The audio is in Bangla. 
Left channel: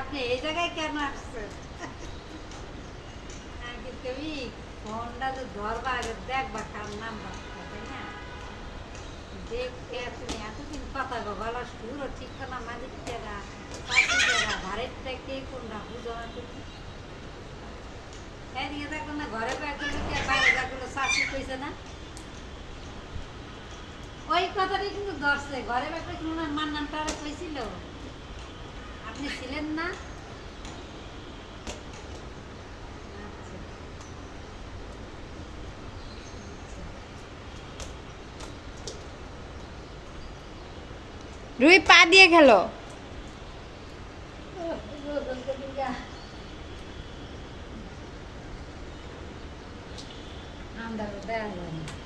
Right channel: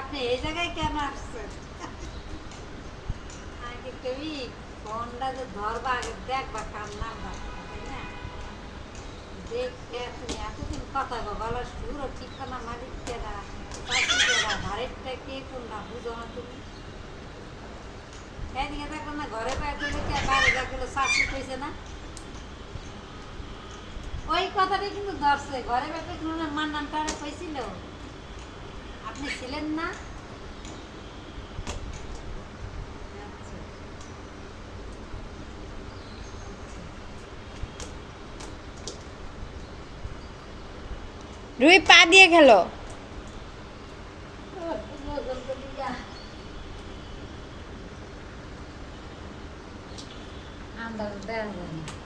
আপনি এই জায়গায় কেন আসছেন? আগে কেউই ফোনটা তো ধরবা, আগে দেখবা কার দেখে তুমি এতদিন কথা গলা সুরও ঠিক না মালিক চাকরি কেরা ঘরেরটা কে, কোনটা বুঝো না তুমি? এদিকে দেখো না, ঘরে বাইরে কে বাইরে দেখল শাশি কইছে না? ওই কথাটা কিন্তু ধরছে, ঘরে ওনার মার নামটা কইছিল? আপনি ছিলেন না? রুই পা দিয়ে খেলো। আন্দাজ দেওয়া যায় না